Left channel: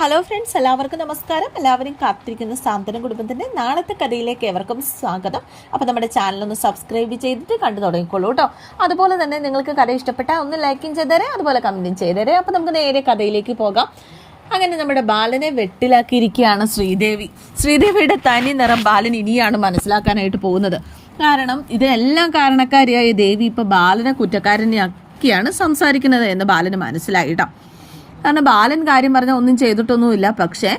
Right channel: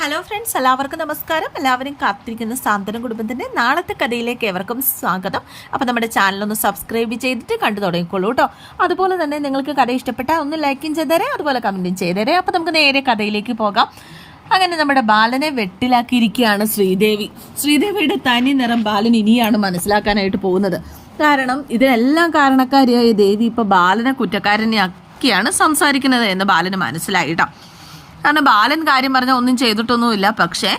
Hello friends എല്ലാവർക്കും നമസ്കാരം. എല്ലാവരും കാത്തിരിക്കുന്ന സാന്ത്വനം കുടുംബത്തിന്റെ നാളത്തെ കഥയിലേക്ക് എവർക്കും സ്വാഗതം. അപ്പോൾ നമ്മുടെ ചാനലൊന്ന് സബ്സ്ക്രൈബ് ചെയ്തിട്ട് കണ്ടു തുടങ്ങിക്കോളൂ കേട്ടോ അതുപോലെ തന്നെ നിങ്ങൾക്ക് കഥ ഇഷ്ടപ്പെട്ടാൽ ഒന്ന് ലൈക്കും ചെയ്തേരെ അതുപോലെ കമന്റും ചെയ്തേരെ. അപ്പോൾ നമുക്ക് നേരെ കഥയിലേക്ക് പോകാം. അങ്ങനെ നമ്മുടെ ബാലനെ വെട്ടിലാക്കിയിരിക്കുകയാണ് ശ്രീദേവി. ശ്രീദേവിയുടെ തനി നിറം ബാലൻ ഇനിയാണ് മനസ്സിലാക്കാനായിട്ട് പോകുന്നത്. കാരണം ഇതിനെല്ലാം കാരണക്കാരിയായ ദേവി ഇപ്പോൾ ബാലനെ കുറ്റക്കാരനെയാക്കിയാണ് സംസാരിക്കുന്നത് എന്ന് ബാലന് മനസ്സിലായിട്ടോ കാരണം ബാലൻ കാര്യം പറഞ്ഞാൽ ഒന്നും ചെയ്തിട്ടൊന്നുമില്ല. പക്ഷേ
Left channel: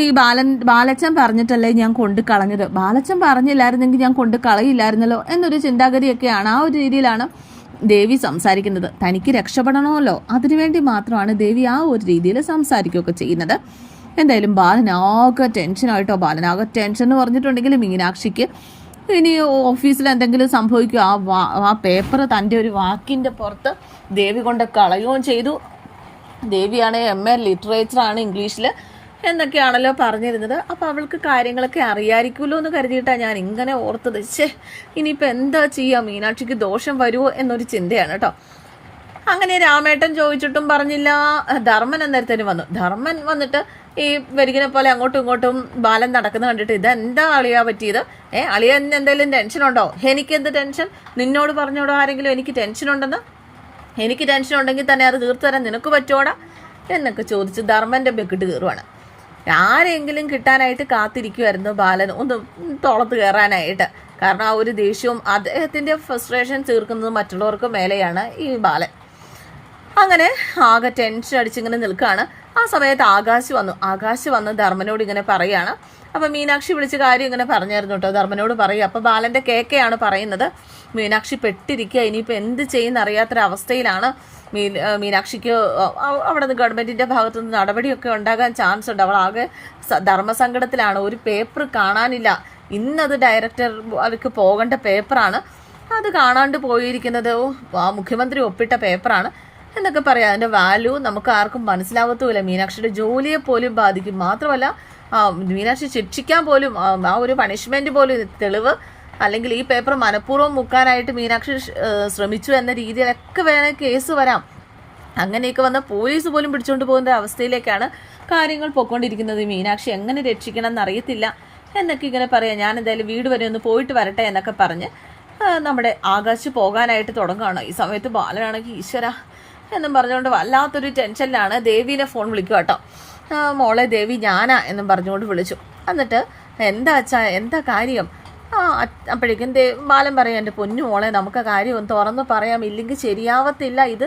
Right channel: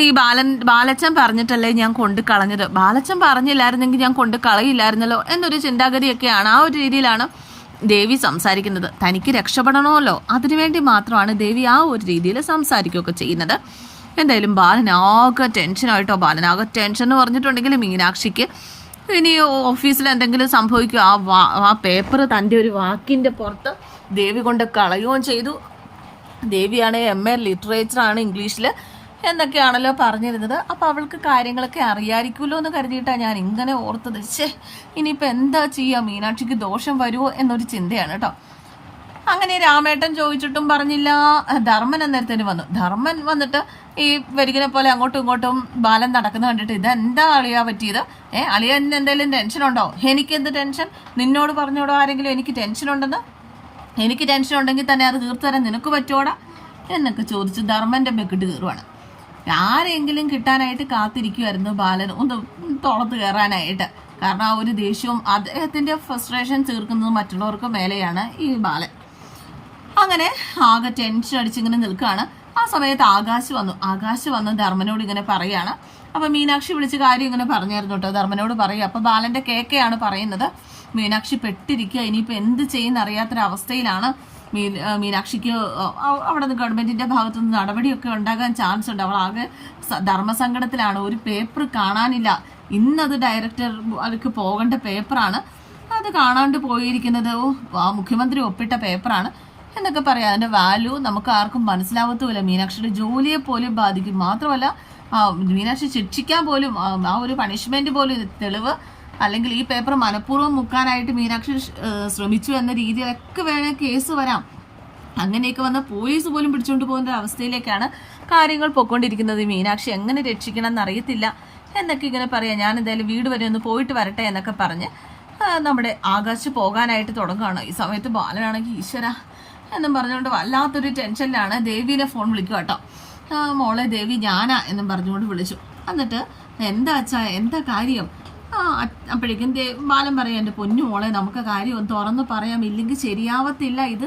ഈ ബാലൻ ബാലച്ചൻ പറഞ്ഞിട്ടല്ലേ ഞാൻ കൊണ്ട് കളഞ്ഞത്? ബാലച്ചൻ പറഞ്ഞില്ലായിരുന്നെങ്കിൽ ഞാൻ കൊണ്ട് കളയില്ലായിരുന്നല്ലോ എന്നൊരു ചിന്താഗതിയൊക്കെയാണ് ആ ഒരു രീതിയിലാണ് ദേവി സംസാരിക്കുന്നത്. തനിക്ക് രക്ഷപ്പെടണമല്ലോ. അതിനുവേണ്ടി മാത്രമാണ് ദേവി ആ ഒരു രീതിയിൽ സംസാരിക്കുകയൊക്കെ ചെയ്യുന്നത്. എന്തായാലും ബാലനാകെ ടെൻഷനായിട്ടോ ബാലനാകെ ടെൻഷൻ എന്ന് പറഞ്ഞിട്ടുണ്ടെങ്കിൽ മീനാക്ഷിക്ക് ഇനി ഓഫീസിൽ എന്തെങ്കിലും സംഭവിക്കും ആ വാ ആ പേപ്പർ തന്റെ ഒരു വാക്കിന്റെ പുറത്ത് ദേവി കൊണ്ട് കളയുകയും ചെയ്തു. ദേവിയാണ് എം എ ലിറ്ററേച്ചറാണ് ഇംഗ്ലീഷിൽ എന്നൊക്കെയാണല്ലോ പറഞ്ഞിരുന്നത്. അപ്പോൾ അവൾക്ക് കാര്യങ്ങളൊക്കെ അറിയായിരിക്കുമല്ലോ എന്ന് കരുതിയിട്ടാണ് ഞാൻ ഇങ്ങനെ ഓർത്തത്. ഛേ ഇനിയിപ്പോൾ എന്താ ചെയ്യുക മീനാക്ഷിക്ക് ദോഷം വരുമോ എന്നൊരു ചിന്തയാണ് കേട്ടോ. അങ്ങനെ രാമേട്ടൻ ചോദിച്ചിട്ടും പറഞ്ഞില്ല. ധർമ്മൻ അന്നേരത്തേന് വന്നു. ധർമ്മൻ വന്നിട്ട് ഈ വരികിനെ പോലെ അങ്ങോട്ടും ഇങ്ങോട്ടും ബാലൻ നടക്കുന്ന കണ്ടിട്ട് ഇതെന്താ അളിയാ പറ്റിയത്? ഏ അളിയൻ എന്തെങ്കിലും ടെൻഷൻ ഉണ്ടോ എനിക്കെന്ത് ടെൻഷൻ? നിന്നോട് പറഞ്ഞോടോ ആരെങ്കിലും എനിക്ക് ടെൻഷൻ ഉണ്ടെന്ന് എനിക്ക് ടെൻഷൻ ഉണ്ടെങ്കിൽ തന്നെ അത് തീർത്തു തരാൻ നിനക്ക് പറ്റോടാ എന്നൊക്കെ ചോദിച്ച് ധർമ്മന്റെ ബെക്കിട്ട് കയറുവാണ്. ആരെങ്കിലും കിട്ടാനായിട്ട് കാത്തിരിക്കുമായിരുന്നു ബാലൻ. ഒന്ന് തോളത്ത് കയറാനായിട്ട്. കാരണം ആ ഒരു ദേഷ്യവും അദ്ദേഹത്തിന്റെ ഫ്രസ്ട്രേഷൻ തീർക്കുന്നത് മറ്റുള്ളവർക്ക് മേലെയാണ് ഈ ബാലൻ. അങ്ങനെ ആകെ ടെൻഷൻ അടിച്ചിങ്ങനെ നിൽക്കുകയാണ് ആ സമയത്ത് ആകാശ് വന്നു. ആകാശ് വന്ന് ധർമ്മനോട് ഇങ്ങനെ പറയാണ്. അപ്പം മീനാക്ഷി വിളിച്ച് കാര്യം ഇങ്ങനെ പറഞ്ഞായിരുന്നു കേട്ടോ. ധർമ്മനോട് പറയും. അപ്പോൾ ബാലന്റെ കേക്കയാണ് പറയുന്നത്. മീനാക്ഷി പെട്ടിരിക്കുക. ഇനിയിപ്പോൾ എന്ത് ചെയ്യുന്ന അറിയാത്തൊരവസ്ഥയിലാണ് മീൻ മീനാക്ഷിക്ക് അവിടെ നിന്ന് ഗവൺമെന്റിന്റെ ഭാഗത്തു നിന്ന് നടപടിയൊക്കെ ഉണ്ടാകാൻ ചാൻസ് ഉണ്ട്. അവൾ ആകെ ധർമ്മസങ്കടത്തിലാണ്. ഒരു പേപ്പർ കാണാനില്ല. ഇന്നത് ഡയറക്ടർ അവർക്ക് പോകേണ്ട പേപ്പറാണ് അത് കാണാണ്ട് പോയിരിക്കുന്നത്. മുഖ്യമന്ത്രി ഒപ്പിട്ട പേപ്പറാണ് എന്നൊക്കെ പറയാം. അതിന്റെ വാല്യൂ നമുക്ക് ആർക്കും മനസ്സിലാവത്തുമില്ല. മീനാക്ഷിയുടെ ജോലിയെ പോലും ബാധിക്കും. മാത്രമല്ല മീനാക്ഷി ശിക്ഷിക്കാൻ പോലും ആ ഒരു പണിഷ്മെന്റ് പോലും തെളിവ് അല്ലെങ്കിൽ ഈ പേപ്പർ മനഃപൂർവം മുക്കാനായിട്ട് മീനാക്ഷി ശ്രമിച്ചു എന്ന രീതിയിലൊക്കെ വേണേൽ കേസ് വരാം. അങ്ങനെയൊക്കെ വന്ന പോലീസ് പോലും പിടിച്ചുകൊണ്ട് പോകുന്ന അവസ്ഥയിലേക്കാണ് കാര്യങ്ങൾ പോയിക്കൊണ്ടിരിക്കുന്നത്. മീനാക്ഷി എങ്ങനെ രക്ഷിക്കണം എന്നറിയത്തില്ല എന്നൊക്കെ ഇങ്ങനെ പറയാം. ഞാൻ എന്തായാലും വീട് വരെ ഒന്ന് പോയിട്ട് വരട്ടെ എന്നൊക്കെ പറഞ്ഞ് നമ്മുടെ ആകാശ് പോകാനായിട്ട് തുടങ്ങുകയാണ്. ഈ സമയത്ത് ബാലനാണെങ്കിൽ ഈശ്വര എന്നും പറഞ്ഞുകൊണ്ട് വല്ലാത്തൊരു ടെൻഷനിലാണ് ദേവീനെ ഫോൺ വിളിക്കുക കേട്ടോ. മോളെ ദേവി ഞാനാ എന്നും പറഞ്ഞുകൊണ്ട് വിളിച്ചു. എന്നിട്ട് എന്താ അച്ഛാ എന്താ കാര്യം? അപ്പോഴേക്കും ദേ ബാലൻ പറയാം എന്റെ പൊന്നു മോളെ നമുക്ക് കാര്യം തുറന്ന് പറയാം. ഇല്ലെങ്കിൽ ശരിയാവത്തില്ല. ഇത്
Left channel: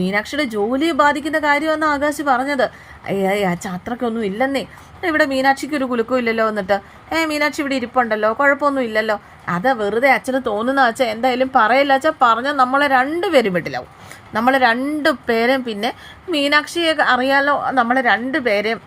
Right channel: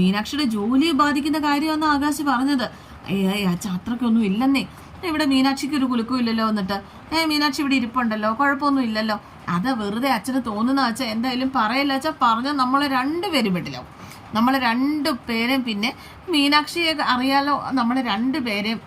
മീനാക്ഷിയുടെ ജോലിയെ ബാധിക്കുന്ന കാര്യമെന്ന് ആകാശ് പറഞ്ഞത്. അയ്യ അച്ഛ അത്രയ്ക്കൊന്നും ഇല്ലെന്നേ. ഇവിടെ മീനാക്ഷിക്ക് ഒരു കുലുക്കും ഇല്ലല്ലോ. എന്നിട്ട് ഏ മീനാക്ഷി ഇവിടെ ഇരിപ്പുണ്ടല്ലോ. കുഴപ്പമൊന്നും ഇല്ലല്ലോ. അത് വെറുതെ അച്ഛന് തോന്നുന്ന വെച്ചാൽ എന്തായാലും പറയില്ല വെച്ചാൽ പറഞ്ഞാൽ നമ്മളെ രണ്ടുപേരും വിട്ടിലാവും. നമ്മൾ രണ്ട് പേരെയും പിന്നെ മീനാക്ഷിയെ അറിയാലോ നമ്മളെ രണ്ട് പേരെയും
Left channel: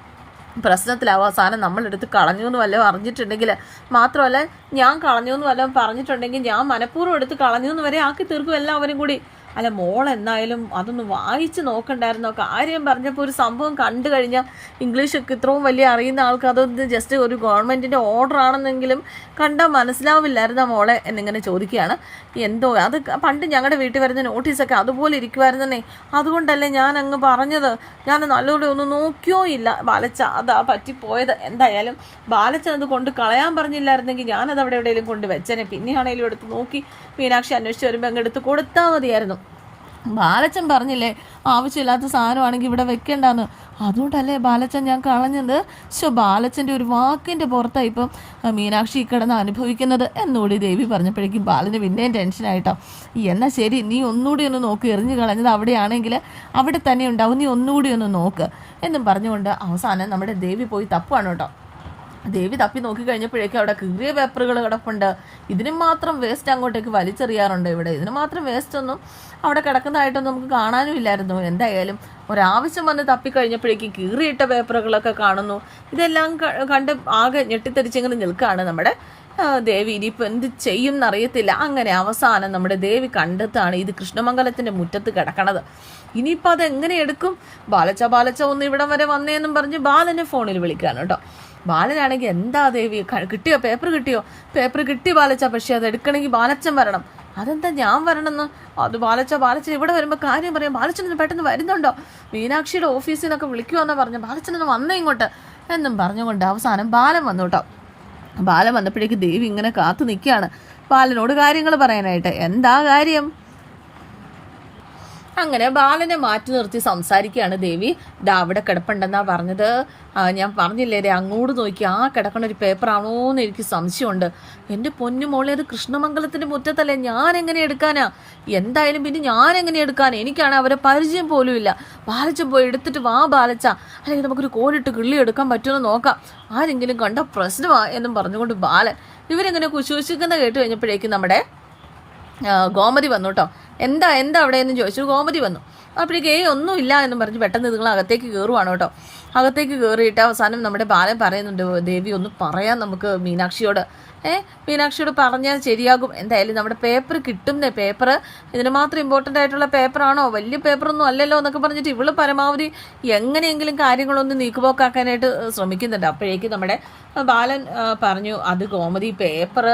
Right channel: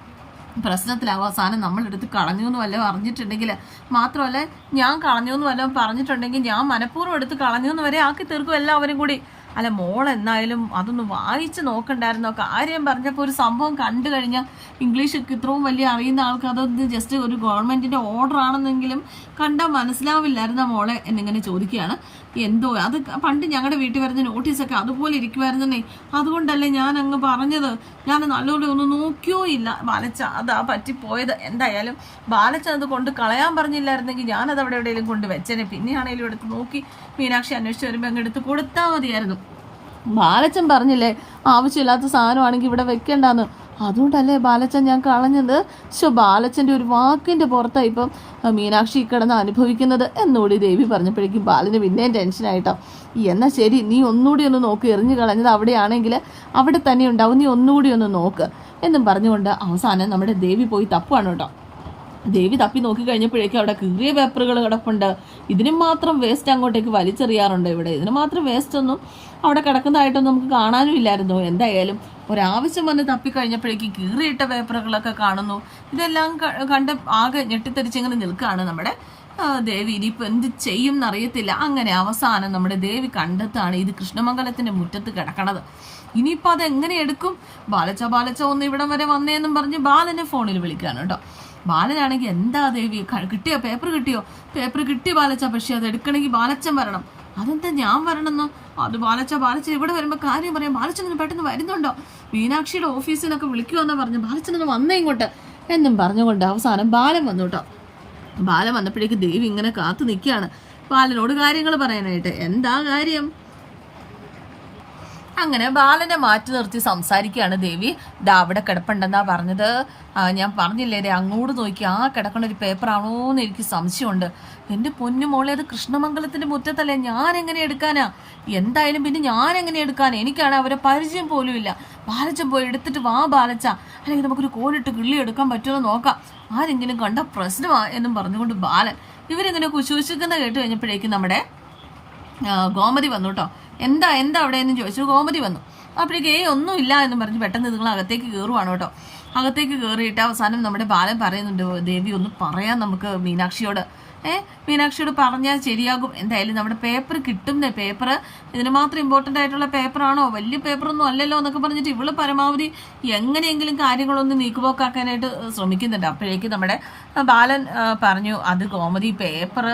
പ്രശ്നത്തിലാവും. അവസാനം നമ്മളെടുത്ത് കളഞ്ഞു എന്ന് വല്ലതും അറിഞ്ഞിട്ടുണ്ടെങ്കിൽ മാത്രമല്ല ഞാൻ കളഞ്ഞു എന്ന് വല്ലതും പറഞ്ഞിട്ടുണ്ടെങ്കിൽ ഞാൻ മനഃപൂർവം എടുത്ത് കളഞ്ഞു എന്ന് വരെ ആക്കി തീർക്കും എല്ലാവരും കൂടി. അല്ല മോൾ എന്നായാലും അതൊന്ന് വായിച്ച് നോക്കണ്ടായിരുന്നോ? കാര്യം പറഞ്ഞപ്പോൾ ഒരു സംഭവം കണ്ടു കഴിഞ്ഞാൽ ഇംഗ്ലീഷൊക്കെ ഇത്രയും വലിയ അറിയുന്ന ആൾക്ക് അതൊന്ന് ജസ്റ്റ് ഒരു ഗവൺമെന്റിന്റെ ഓർഡർ ആണെന്നെങ്കിലും കണ്ടാൽ മനസ്സിലാവില്ലായിരുന്ന മോളെ എന്നിങ്ങനെ ചോദിക്കുകയാണ്. എന്തോ അത് പണ്ട് ഞങ്ങളുടെ വീട്ടിൽ വരുന്ന നോട്ടീസൊക്കെ അതുപോലെ ഇരിക്കുമായിരുന്നേ അതുകൊണ്ടല്ലേ ഞാൻ അങ്ങ് പറഞ്ഞത്. ഞാൻ നല്ലോണം ഒന്ന് നോക്കിയോ ഇല്ല. ബാലച്ച അതാ പറ്റിപ്പോയത്. എന്തായാലും ബാലച്ച അത് കൊണ്ട് കളയാൻ പറഞ്ഞില്ലായിരുന്നെങ്കിൽ ഞാനത് അവിടെ എവിടെയെങ്കിലും കൊണ്ട് വെച്ചേനെ. പിന്നെയാണെങ്കിലും എടുത്ത് നോക്കി മീനാക്ഷി അന്വേഷിച്ച് വരുമ്പോൾ അങ്ങ് എടുത്ത് കൊടുത്താൽ മതിയായിരുന്നു. ബാലച്ചൻ പറഞ്ഞില്ലേ ആവശ്യമില്ലാത്ത സാധനമാണെങ്കിൽ ഇവിടെ വെക്കേണ്ടെന്ന്. അതുകൊണ്ടല്ലേ ബാലച്ചൻ ഞാൻ കളഞ്ഞത്? ശോ ബാലച്ചന്റെ ഒരു വാക്കിന്റെ പുറത്താണ് ഇപ്പം മീനാക്ഷി കിടന്ന് അനുഭവിക്കുന്നത് എന്നുകൂടി ദേവി പറഞ്ഞപ്പോഴേക്കും ബാലന് പിന്നെയും ടെൻഷനായിട്ടോ എന്നാൽ ശരി നീ ഒന്നുകൂടി ഒന്ന് നോക്ക് എറിഞ്ഞു കളഞ്ഞത് അവിടെയാണെങ്കിൽ അവിടെ തന്നെ ഉണ്ടാവും നീ ഒന്നുകൂടി ഒന്ന് നോക്ക് എന്നും പറഞ്ഞുകൊണ്ട് അവസാനം നമ്മുടെ ദേവി പോയി തപ്പാണ് കേട്ടോ. ദേവി തപ്പി നോക്കി കഴിഞ്ഞപ്പോഴേക്കും അവിടെ കീറിയ പേപ്പറുകൾ കിടപ്പുണ്ട്. ഇതിന് മാത്രം വേസ്റ്റ് അങ്ങോട്ടേക്ക് വലിച്ചെറിയാറുണ്ട് ഇവിടെ. ഇതിന് മാത്രം വേസ്റ്റ് ഒന്നും അവിടെ കിടക്കുന്നതായിട്ടൊന്നും നമുക്ക് കാണാനും ഇല്ലായിരുന്നു. എന്തായാലും ഒരാവശ്യം വന്ന് തപ്പി കഴിഞ്ഞപ്പോഴേക്കും കീറിയിട്ട പേപ്പറുകളൊക്കെ കാണുന്നു. ഇതെല്ലാം കണ്ട് ആകെ ഞെട്ടിത്തെറിച്ചിങ്ങനെ നിൽക്കുകയാണ് നമ്മുടെ ദേവി. ഇനിയിപ്പോൾ എന്ത് ചെയ്യും എന്നറിയത്തില്ല അങ്ങനെ അവസാനം നമ്മുടെ ദേവി കണ്ടെത്താണ് ഇത് കൃഷ്ണമംഗലത്തിന്റെ മുറ്റത്ത് കിടക്കണത്. ഇനിയിപ്പോൾ അത് എങ്ങനെ എടുക്കും? ബാലച്ച ബാലച്ച ഒന്ന് ഇവിടം വരെ വന്നേന്നും പറഞ്ഞ് ബാലനെ ഫോണിൽ വിളിക്കുകയാണ് കേട്ടോ. ബാലനാണെങ്കിൽ എന്താ ദേവി? കിട്ടിയോ? പേപ്പർ കിട്ടിയോ? പേപ്പർ കിട്ടി ബാലച്ച പക്ഷേ അത് എടുക്കണമെങ്കിൽ ബാലച്ചൻ വരണം. അതെന്താ ഞാൻ വരണമെന്ന്? അത് ബാലച്ച ബാലച്ചൻ ഇവിടെ വരുമ്പോൾ കാര്യം പറയാം. ബാലച്ചൻ പെട്ടെന്ന് വരുന്നുണ്ടോ? മീനാക്ഷിയുടെ ഓഫീസിൽ നിന്നൊക്കെ വിളിക്കുമെന്നാ പറഞ്ഞു ബാലച്ചനൊന്ന് വന്നേ ഇങ്ങോട്ട്. എന്നും പറഞ്ഞുകൊണ്ട് അവസാനം ബാലൻ വന്നു കേട്ടോ ബാലൻ വന്നപ്പോഴേക്ക് ദേവി ഇങ്ങനെ കാത്തു നിൽക്കുകയാണ്. ബാലനോട് കാര്യങ്ങൾ പറയാനായിട്ട്. എന്താ കാര്യം? അങ്ങനെ ബാലനെ മാറ്റി നിർത്തി സംസാരിക്കുകയാണ് ദേവി. ദാ അവിടെ കിടപ്പുണ്ടെന്നാ പറഞ്ഞത്. ഞാൻ പറഞ്ഞില്ലേ രേ അങ്ങോട്ട് നോക്കി ആ കിടക്കണ ഒരു പേപ്പറാണോ എന്ന് എനിക്ക് സംശയമുണ്ട്. എന്റെ പൊന്നു മോളെ അത് കൃഷ്ണമംഗലത്തിന്റെ മുറ്റത്തല്ലേ? ഞാൻ എങ്ങനെ എടുക്കാനാ? എന്തായാലും പിന്നെ ഞാൻ എങ്ങനെ എടുക്കാനാ എനിക്കാണ് അവരെ പരിചയം പോലും ഇല്ല. ബാലച്ചൻ പോയി എടുത്തിട്ട് വാ ബാലച്ച. അല്ലെങ്കിൽ നമുക്കൊരു കോലിട്ട് കിള്ളി എടുക്കാൻ പറ്റുമെന്ന് നോക്കാം. ആരെങ്കിലും കണ്ട പ്രശ്നമാ എന്നും പറഞ്ഞുകൊണ്ട് ബാലൻ. ഇവരെങ്ങനെ കുശൂശിക്കുന്ന കേട്ട് കഴിഞ്ഞപ്പോഴേക്കും നമ്മുടെ ഗോമതി വന്നു കേട്ടോ. എന്താ എന്താ അവിടെ എന്ന് ചോദിച്ചു. ഗോമതി വന്നു. അപ്പോഴേക്ക് ഏ ഒന്നുമില്ല എന്ന് പറഞ്ഞ് പെട്ടെന്ന് നിങ്ങൾ അകത്തേക്ക് കയറുവാണ് കേട്ടോ. അകത്തേക്ക് കയറിയിട്ട് അവസാനം നമ്മുടെ ബാലൻ പറയുന്നുണ്ട് ദേവി ഒന്ന് പറയാം നമുക്ക് മീനാക്ഷിയോട്. ഏ മീനാക്ഷിയോട് പറഞ്ഞാൽ ശരിയാകും. എന്തായാലും നമ്മുടെ പേപ്പർ കിട്ടും പേപ്പർ ഇതിന് മാത്രം ഇമ്പോർട്ടന്റ് ആയിട്ടുള്ള പേപ്പറാണോ? വലിയ പേപ്പറൊന്നും അല്ലല്ലോ എന്നൊക്കെ പറഞ്ഞിട്ട് ഇവൾ പരമാവധി എങ്ങനെയെങ്കിലും കാര്യങ്ങളൊന്ന് നീക്കുപോക്കാക്കാനായിട്ട് ശ്രമിക്കുന്നുണ്ട്. അപ്പോഴേക്കും നമ്മുടെ ബാലൻ പറഞ്ഞു അത് കോമഡി പേപ്പർ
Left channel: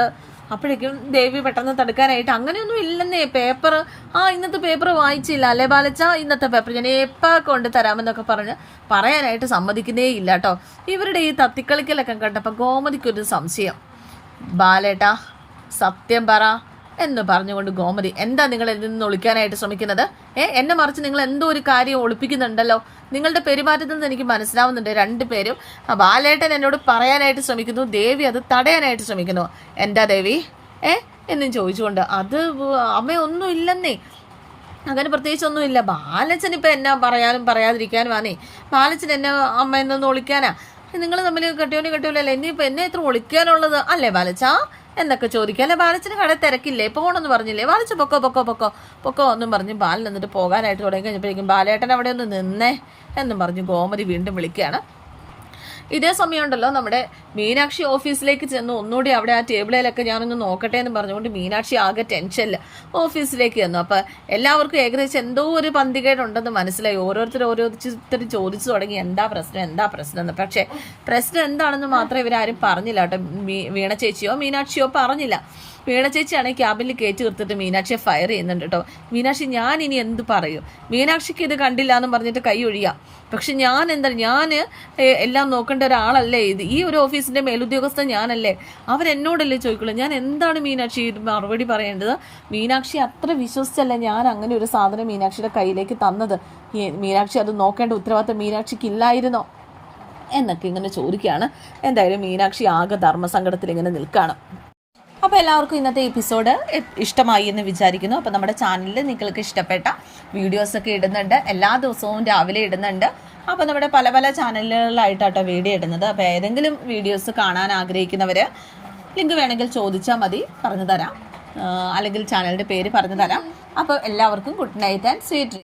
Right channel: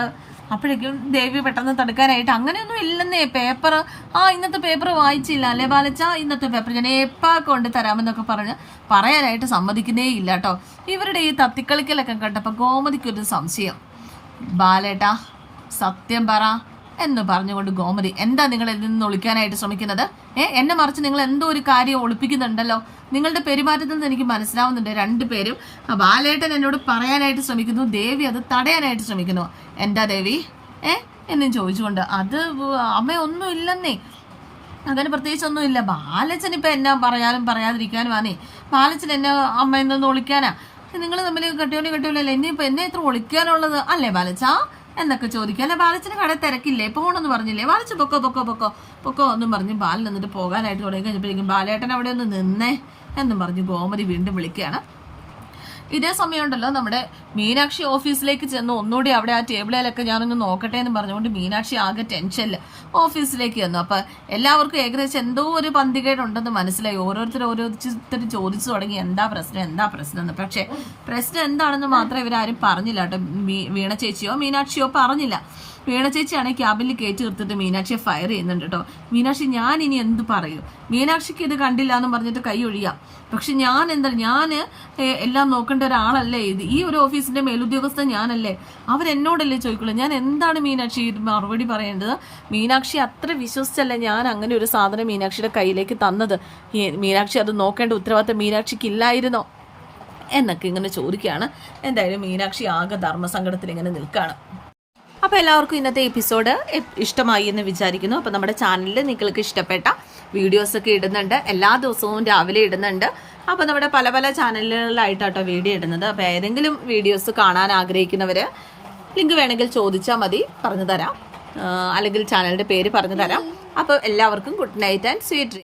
അപ്പോഴേക്കും ദേവി പെട്ടെന്ന് തടുക്കാനായിട്ട് അങ്ങനെയൊന്നും ഇല്ലെന്നേ. പേപ്പർ ആ ഇന്നത്തെ പേപ്പർ വായിച്ചില്ല. അല്ലേ ബാലച്ച? ഇന്നത്തെ പേപ്പർ ഞാൻ എപ്പാ കൊണ്ട് തരാമെന്നൊക്കെ പറഞ്ഞ് പറയാനായിട്ട് സമ്മതിക്കുന്നേ ഇല്ല കേട്ടോ ഇവരുടെ ഈ തത്തിക്കളിക്കലൊക്കെ കണ്ടപ്പോൾ ഗോമതിക്കൊരു സംശയം. ബാലേട്ടാ സത്യം പറ. എന്ന് പറഞ്ഞുകൊണ്ട് ഗോമതി എന്താ നിങ്ങൾ ഇതിൽ നിന്ന് ഒളിക്കാനായിട്ട് ശ്രമിക്കുന്നത്? ഏ എന്നെ മറിച്ച് നിങ്ങൾ എന്തോ ഒരു കാര്യം ഒളിപ്പിക്കുന്നുണ്ടല്ലോ? നിങ്ങളുടെ പെരുമാറ്റത്തിൽ നിന്ന് എനിക്ക് മനസ്സിലാവുന്നുണ്ട് രണ്ടുപേരും ബാലേട്ടൻ എന്നോട് പറയാനായിട്ട് ശ്രമിക്കുന്നു ദേവി അത് തടയാനായിട്ട് ശ്രമിക്കുന്നു. എന്താ ദേവി? ഏ എന്നും ചോദിച്ചുകൊണ്ട് അത് അമ്മയൊന്നും ഇല്ലെന്നേ. അങ്ങനെ പ്രത്യേകിച്ചൊന്നുമില്ല ബാലച്ചൻ ഇപ്പം എന്നാ പറയാനും പറയാതിരിക്കാനും ആണേ ബാലച്ചൻ എന്നെ അമ്മ എന്നൊന്ന് ഒളിക്കാനാ? നിങ്ങൾ തമ്മിൽ കെട്ടിയോനെ കെട്ടിയോലല്ലേ? ഇനിയിപ്പോൾ എന്നെ ഇത്ര ഒളിക്കാനുള്ളത്? അല്ലേ ബാലച്ച? എന്നൊക്കെ ചോദിക്കുക അല്ലെ ബാലച്ചന് കട തിരക്കില്ലേ? പോകണമെന്ന് പറഞ്ഞില്ലേ? ബാലച്ചു പൊക്കോ പൊക്കോ പൊക്കോ. പൊക്കോ എന്നും പറഞ്ഞ് ബാലൻ എന്നിട്ട് പോകാനായിട്ട് തുടങ്ങി കഴിഞ്ഞപ്പോഴേക്കും ബാലേട്ടൻ അവിടെ ഒന്ന് നിന്നേ എന്നും പറഞ്ഞ് ഗോമതി വീണ്ടും വിളിക്കുകയാണ്. ഇതേ സമയമുണ്ടല്ലോ നമ്മുടെ മീനാക്ഷി ഓഫീസിലേക്ക് ചെന്ന് ഒന്നുകൂടി അവിടെ ആ ടേബിളിലൊക്കെ ഞാനൊന്ന് നോക്കട്ടെ എന്ന് പറഞ്ഞുകൊണ്ട് മീനാക്ഷി ആകെ ടെൻഷനിൽ ഓഫീസിലേക്ക് ചെന്നു. അപ്പം എല്ലാവർക്കും ഏകദേശം എന്തോ ഒരു പന്തികേടുണ്ടെന്ന് മനസ്സിലായി. ഓരോരുത്തർ ഓരോരുത്തർ ചോദിച്ചു തുടങ്ങി എന്താ പ്രശ്നം? എന്താ പ്രശ്നം? എന്ന്. പക്ഷേ പ്രശ്നം എന്താണെന്ന് മാത്രം ഇവരാരും പറഞ്ഞില്ല കേട്ടോ. വീണ ചേച്ചിയോ മീനാക്ഷിയോ പറഞ്ഞില്ല. വീണ ചേച്ചിയാണെങ്കിൽ ക്യാബിനിൽ കയറ്റി നിർത്തിട്ട് മീനാക്ഷിയെ ഫയർ ചെയ്യുന്നുണ്ട് കേട്ടോ. മീനാക്ഷി ഞാൻ ഇനി എന്ത് പറയൂ? മീനാക്ഷിക്ക് ഇത് കണ്ടില്ല എന്ന് പറഞ്ഞിട്ട് കൈ ഒഴിയാം. പക്ഷെ ഞാൻ എന്താ ഞാൻ എല്ലാം നോക്കേണ്ട ഒരാളല്ലേ ഇത്? ഈ ഒരു ഓഫീസിന്റെ മേലുദ്യോഗസ്ഥൻ ഞാനല്ലേ? അവരെന്നോടല്ലേ ചോദിക്കുള്ളൂ? ഞാൻ എന്താണ് മീനാക്ഷി മറുപടി പറയേണ്ടത്? മീനാക്ഷി അത്ര വിശ്വസിച്ചല്ല ഞാൻ അങ്ങനെ ഒരു സാധനം മീനാക്ഷിയുടെ കയ്യിലേക്ക് തന്നത്? മീനാക്ഷി അത് നോക്കേണ്ട ഉത്തരവാദിത്തം മീനാക്ഷിക്ക് ഇല്ലായിരുന്നോ എന്നൊക്കെ ഇങ്ങനെ ചോദിക്കുകയാണ്. എന്തായാലും മീനാക്ഷി ആകെ ധർമ്മസങ്കടത്തിൽ ഇങ്ങനെ നിൽക്കുകയാണ്. അപ്പോൾ എല്ലാവർക്കും ഇന്നത്തെ എപ്പിസോഡ് ഇഷ്ടമായി എന്ന് വിചാരിക്കുന്നു. അപ്പോൾ നമ്മുടെ ചാനലിൽ നിങ്ങൾക്ക് ഇഷ്ടപ്പെട്ട വീഡിയോസൊക്കെ ഇടുന്നുണ്ട്. എല്ലാ ദിവസവും രാവിലെ ഇടുന്നുണ്ട്. അപ്പോൾ നമ്മുടെ പല പല ചാനലുകളിലായിട്ടാട്ടോ വീഡിയോ ഇടുന്നത്. അപ്പോൾ ഏതെങ്കിലും വീഡിയോസ് കാണാൻ ആഗ്രഹിക്കുന്നവർ ലിങ്ക് വേണമെങ്കിൽ ചോദിച്ചാൽ മതി പറഞ്ഞു തരാം അല്ലെങ്കിൽ ചാനലിന്റെ പേര് പറഞ്ഞു തരാം അപ്പോൾ എല്ലാവർക്കും ഗുഡ് നൈറ്റ് ആൻഡ് സ്വീറ്റ്